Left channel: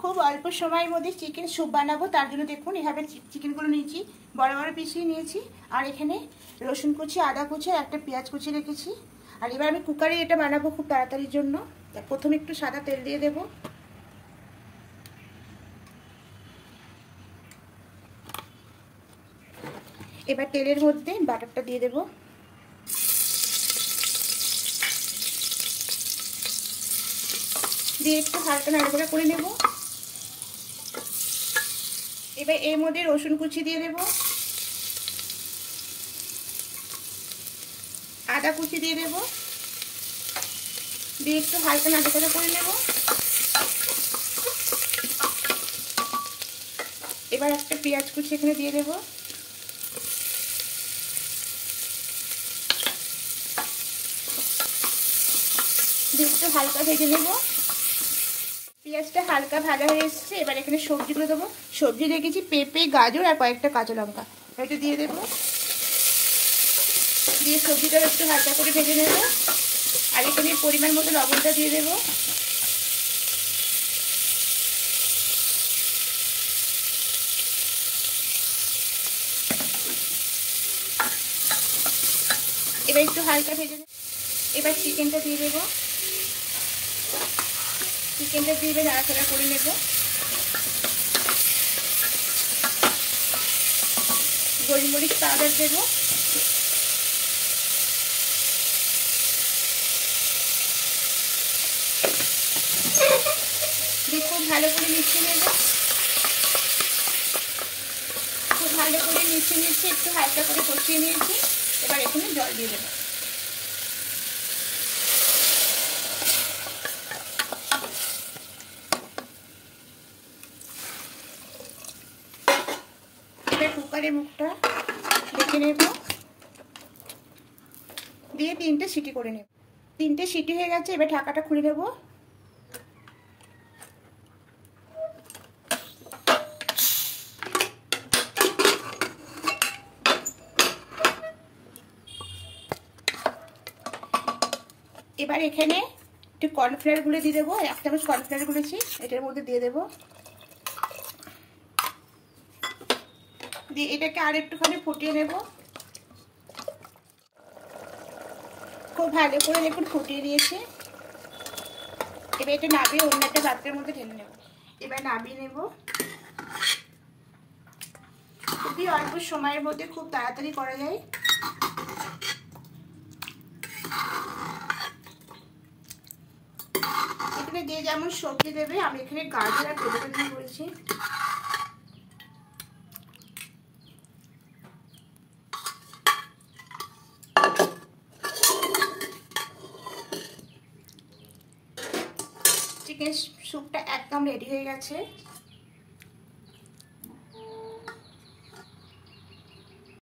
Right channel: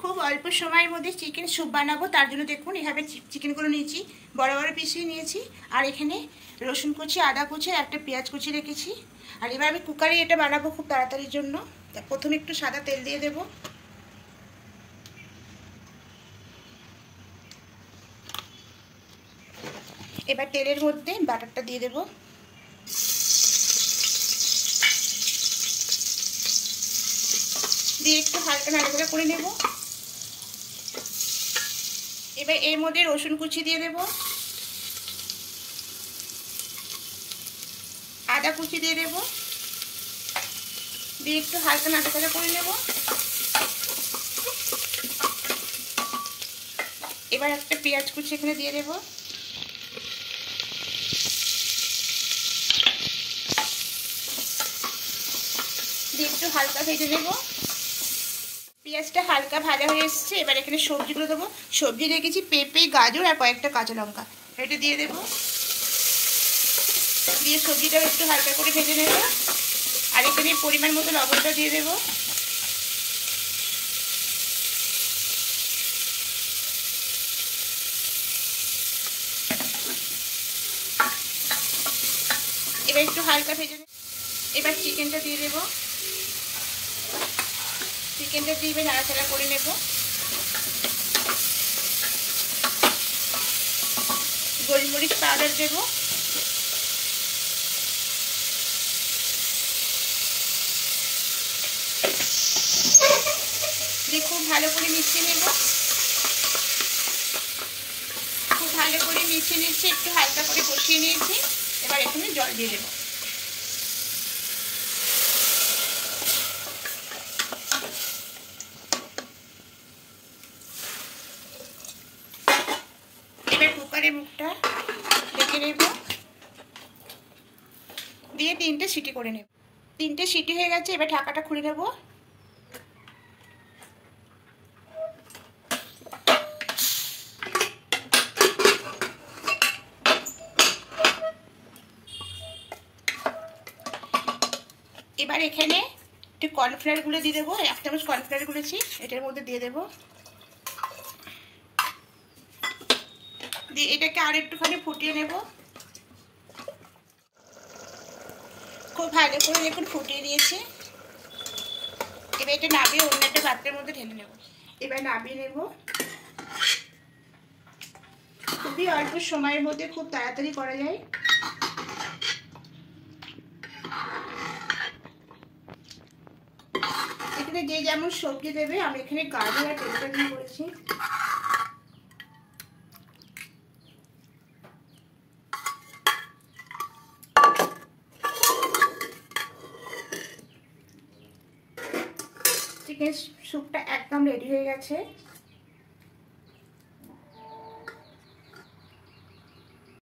খুব অল্প সময়ের মধ্যে চিকেন স্যুপ বানাবো, তার জন্য দেখুন এভাবে চিকেনগুলো নিয়েছি, বড় বড় পিসই নিয়েছি। আর এখানে রসুন কুচি, আদা কুচি, একটা পেঁয়াজ কুচি রেখেছি। আর এবার আমি কুকারে এটা বানাবো খুব তাড়াতাড়ির জন্য। প্রথমে একটু সাদা তেল দিয়ে দেবো। এবার তেলের মধ্যে বাটারটা দিয়ে দেবো। দিয়ে একটু হালকা নাড়াচাড়া করে নেব। এবার এর মধ্যে রসুন কুচি দিয়ে দেব, আদা কুচি দিয়ে দেব, দিয়ে একটু হালকা নাড়াচাড়া করে নেব। এবার একটা পেঁয়াজ কুচি এখানে দিয়ে দেব। দিয়ে একটু হালকা ভেজে নেব। পেঁয়াজটা হালকা ভাজা হয়ে এসছে। এবার এখানে সবজিগুলো দেবো। সবজি রেখেছি পেঁপে, গাজর আর কয়েকটা কাঁচা লঙ্কা, এটা দিয়ে দেবো। দিয়ে সবজিটা একটু হালকা করে ভেজে নেব। আর এখানে পরিমাণ মতো লবণটা দিয়ে দেবো। এবার একটু হালকা ভেজে নেব। এবার চিকেনটা দিয়ে দেবো। চিকেনটা দিয়ে এবার নাড়াচাড়া করে নেব। গোলমরিচ পাউডার দেব। দিয়ে খুব ভালো করে মিশিয়ে নেব। খুব ভালো করে মিশিয়ে নিচ্ছি, একটু হালকা করে কষিয়ে নিয়েছি। এবার এখানে জল দিয়ে দেবো। এবার কুকারের মুখটা ঢেকে নেব। দিয়ে 3টে সিটি করে নেব। 3টে সিটি হয়ে গেছে। এবার ঢাকাটা খুলে নেব। এবার এখানে একটু কর্নফ্লাওয়ারগুলো দিয়ে দেবো। 1 চামচ কর্নফ্লাওয়ার গুলেছি, এটার মধ্যে দিয়ে দেবো। দিয়ে এটাকে আর একটুখানি ফুটিয়ে নেব। খুব ভালো করে দেখুন ফুটিয়ে দিয়েছি। এবার এটা নামিয়ে অন্য একটা পাত্রের মধ্যে ঢেলে নেব। এবার নামিয়ে নেব। খুবই অল্প সময়ের মধ্যে খুব তাড়াতাড়ি করা যায়। এখানে যে যেমন সবজি দেবে, আমি এখানে গাজর আর টমেটো দিয়ে করেছি। চিকেন স্যুপটা একদম রেডি হয়ে গেছে।